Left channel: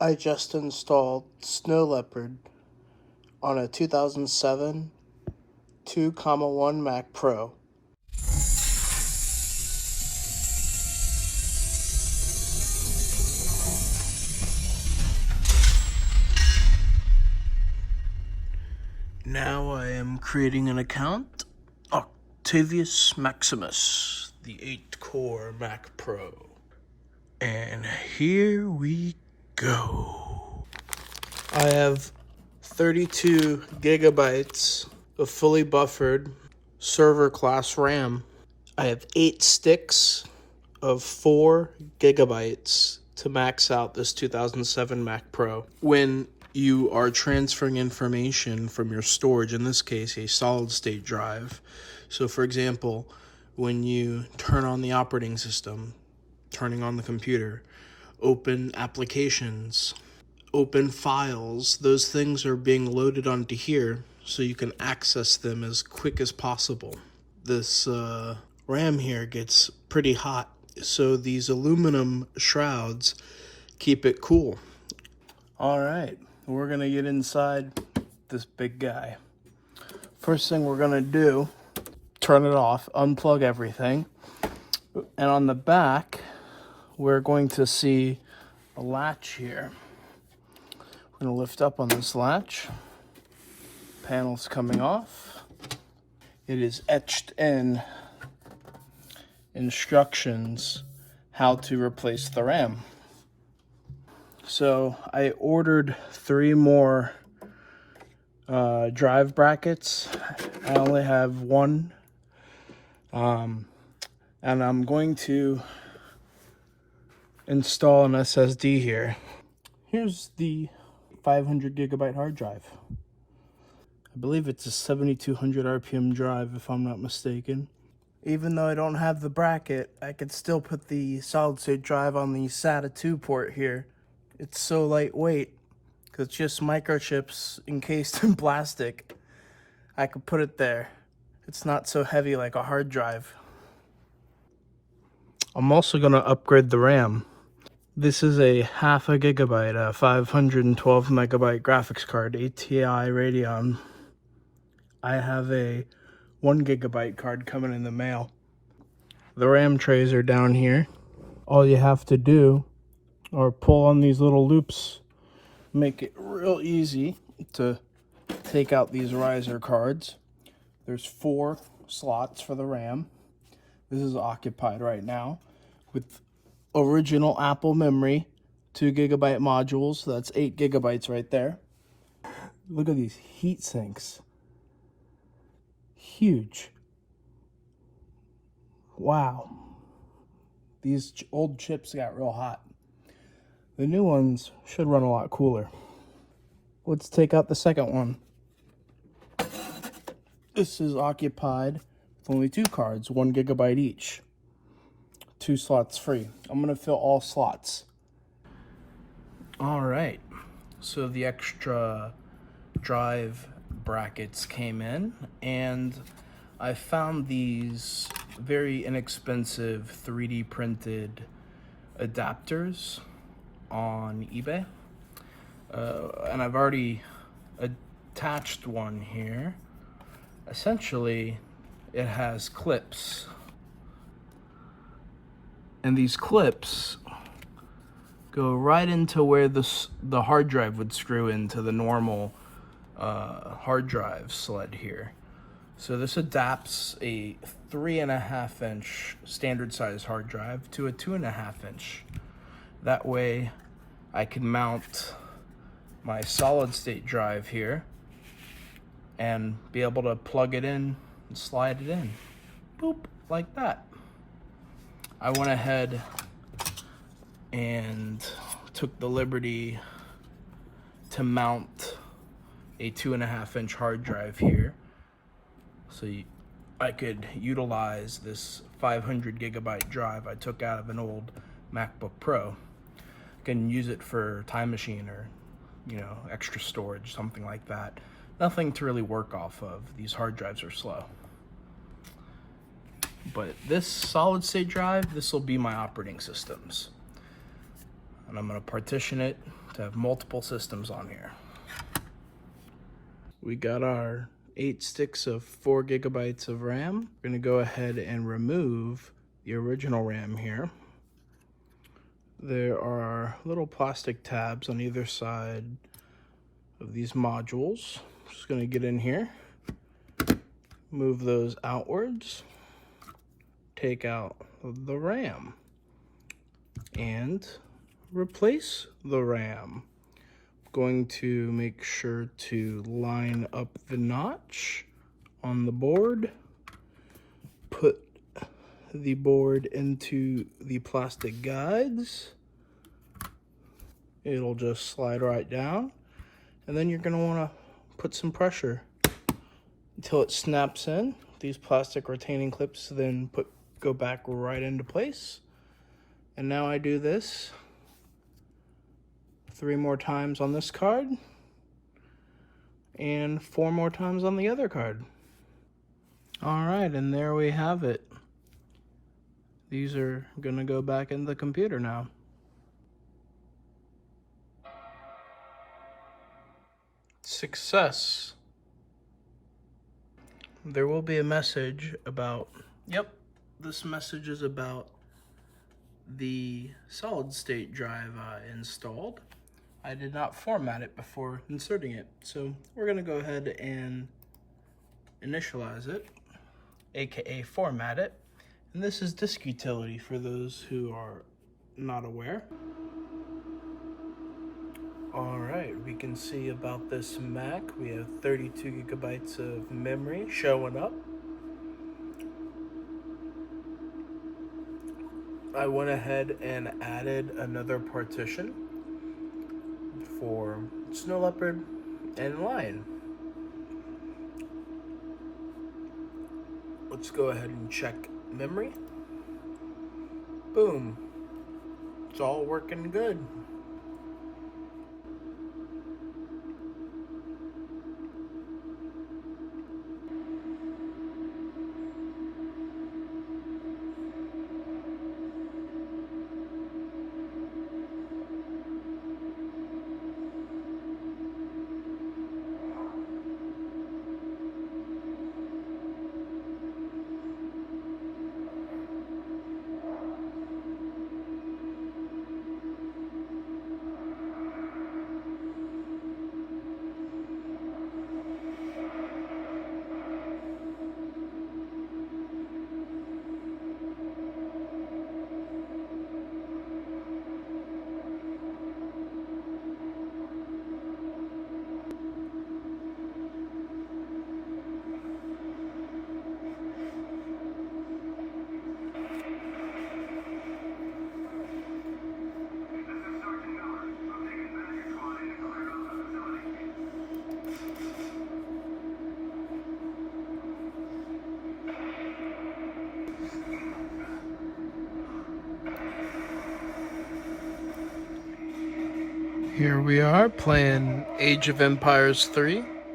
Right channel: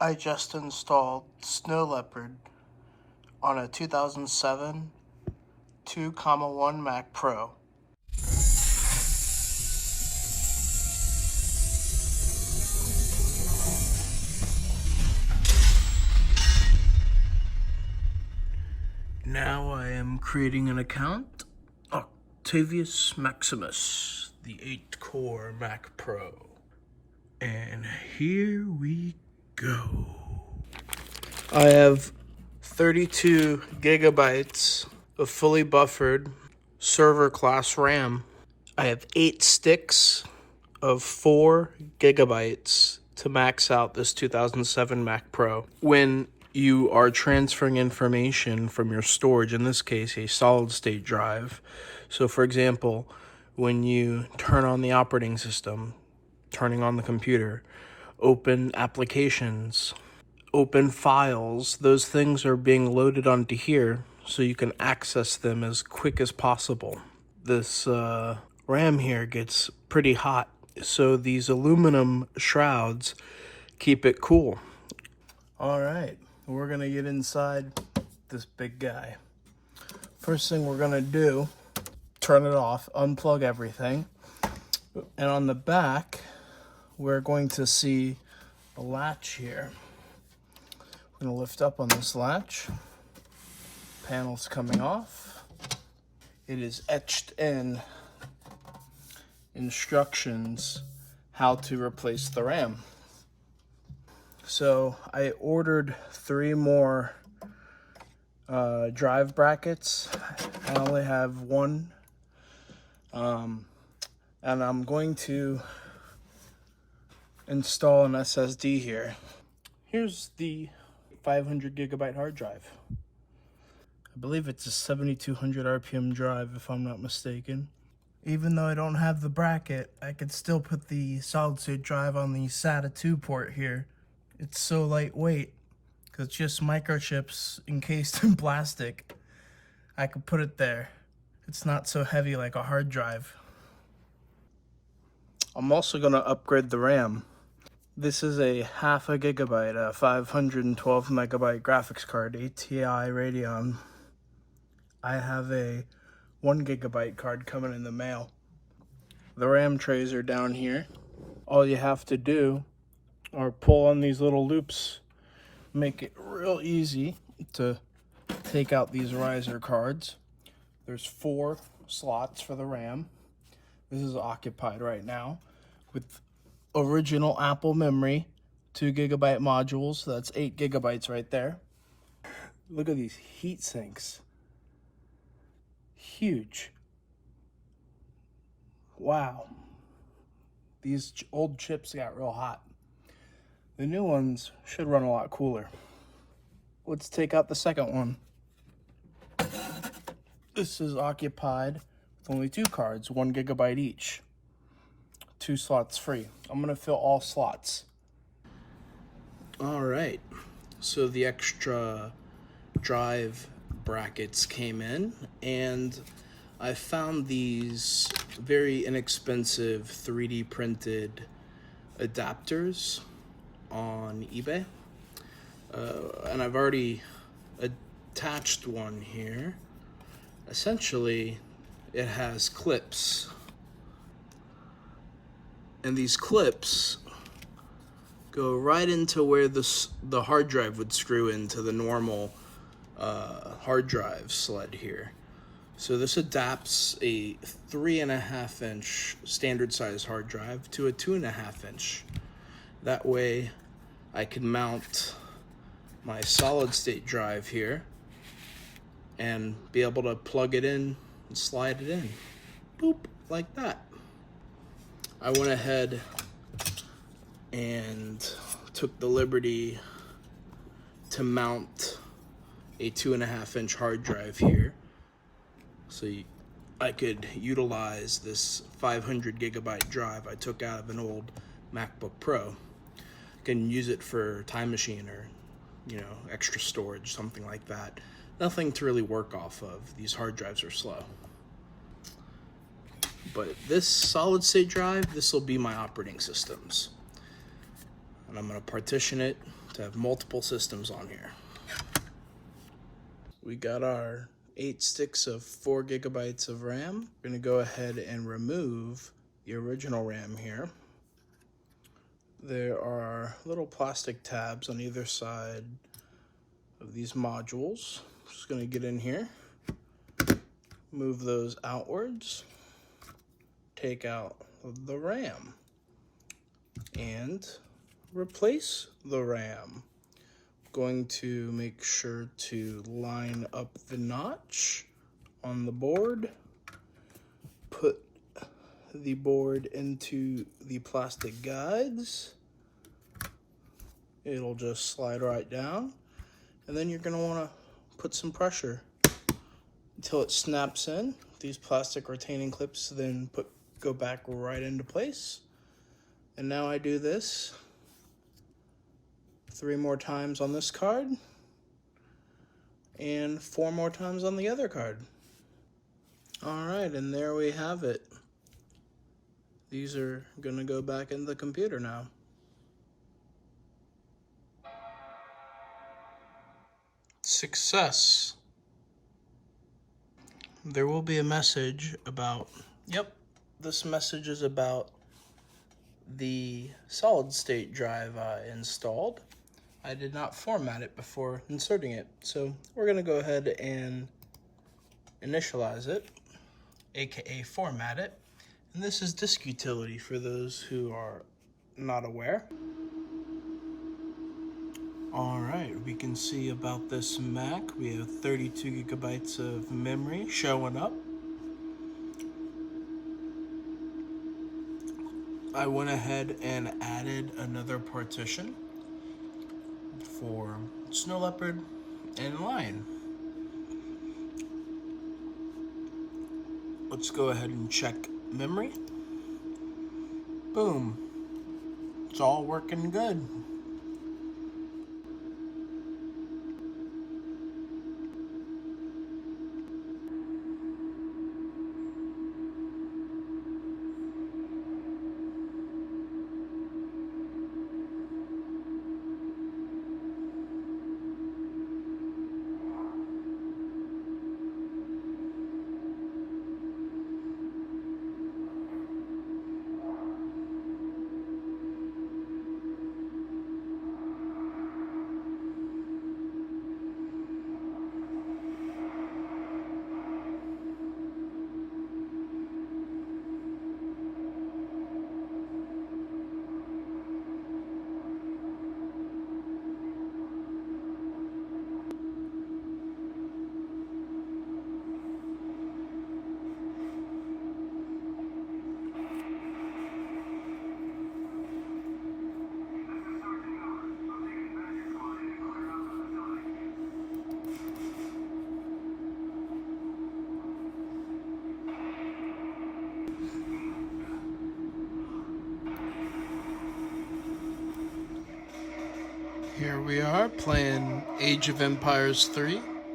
I just installed Snow Leopard on a 2007 2.1 Mac Pro. Now I am creating an account, Octavius Maximus, the 8-core Mac Pro. And here we go. I have 32 gigabytes of fully buffered server class RAM. I have 8 sticks of 4 gigabytes to max out this 2007 Mac Pro. When you are transferring information from your storage, in this case a solid state drive, so for example, when you turn on the operating system, turning on the computer, open applications, open files, those things are being loaded onto here so you can access them as quick as possible. This RAM here gets pretty hot, so these aluminum shrouds keep it cool. All right, we're gonna get inside this big guy. First thing we're gonna do, turn it off, unplug everything, and on the back we're going to see a latch here. I'm gonna lift up on this latch. Panel's coming off. It is etched in instructions how to replace the RAM. So I ordered 3 more drive brackets. I only have 1, and I'm going to install an SSD here. Here's the 500 gigabyte hard drive. I believe it's a 7200 RPM drive if I'm not mistaken. Even though I don't have the bracket, I could still put the solid state drive on the SATA 2 port here. It's so lightweight because it's just microchips encased in plastic. I could put it there. It's not so heavy like a hard drive. I'm also going to upgrade the RAM. This is a 0.5 gigabyte, a 512 megabyte graphics card, ATI Radeon. I have a 1 gigabyte card coming in the mail. The RAM trays are down here. All you have to do or pull on these little loops, make it real easy to take out these riser cards. There's 4 slots for the RAM. This is occupied right now with original Apple memory, 2 gigabyte modules, so that's 8 gigabytes right there. Look at these heat sinks. Huge. Wow. These old chips got real hot. The new ones should run a lot cooler. Let's take out the second one. This is occupied with only 2 cards, 1 gigabyte each. 2 slots free. I'm gonna fill all slots. All right, so the extra drive brackets came in, and I found these very inexpensive 3D printed adapters on eBay, and I've already attached one here. Essentially, it has clips, and these clips go right into where the hard drive would screw into the normal hard drive sled here. So this adapts a 3.5 inch standard size hard drive to a 2.5 inch. That way I can mount my solid state drive here and be able to plug it in and slide it in. Boop, like that. I went ahead and took the liberty to mount a 2.5 inch hard drive here, so I could utilize this 500 gigabyte drive I took out of an old MacBook Pro. I can use it for Time Machine or, extra storage, something like that. Nothing to really work off of. These hard drives are slow. But this solid state drive, this will be my operating systems. And I'm gonna partition it to have multiple systems on here. We got our 8 sticks of 4 gigabytes of RAM. We're gonna go ahead and remove the original RAM here. There are little plastic tabs on either side of these modules. Just gonna get in here, move those outwards, take out the RAM, and replace the RAM. Going to make sure to line up the notch on the board, put the board into the plastic guides. It'll just slide right down, and then you're going to want to put some pressure until it snaps in. These plastic retaining clips then go back right into place. And now I do this 3 more times on this card and 4 more times on the other card. All right, and there we have it. These are gonna go back in the computer now. Success. There will be a message about, this message is about the solid state drive I installed. I did not format it before inserting it, so we're gonna go ahead and initialize it, aka format it. And this is disk utility for those who are not aware. All right, we can see about this Mac. We have 32 gigabytes of memory showing up. I went ahead and added another partition for Snow Leopard and Lion. Let's go ahead and check memory. Boom. It's all working good. Here we are playing Age of Empires 3.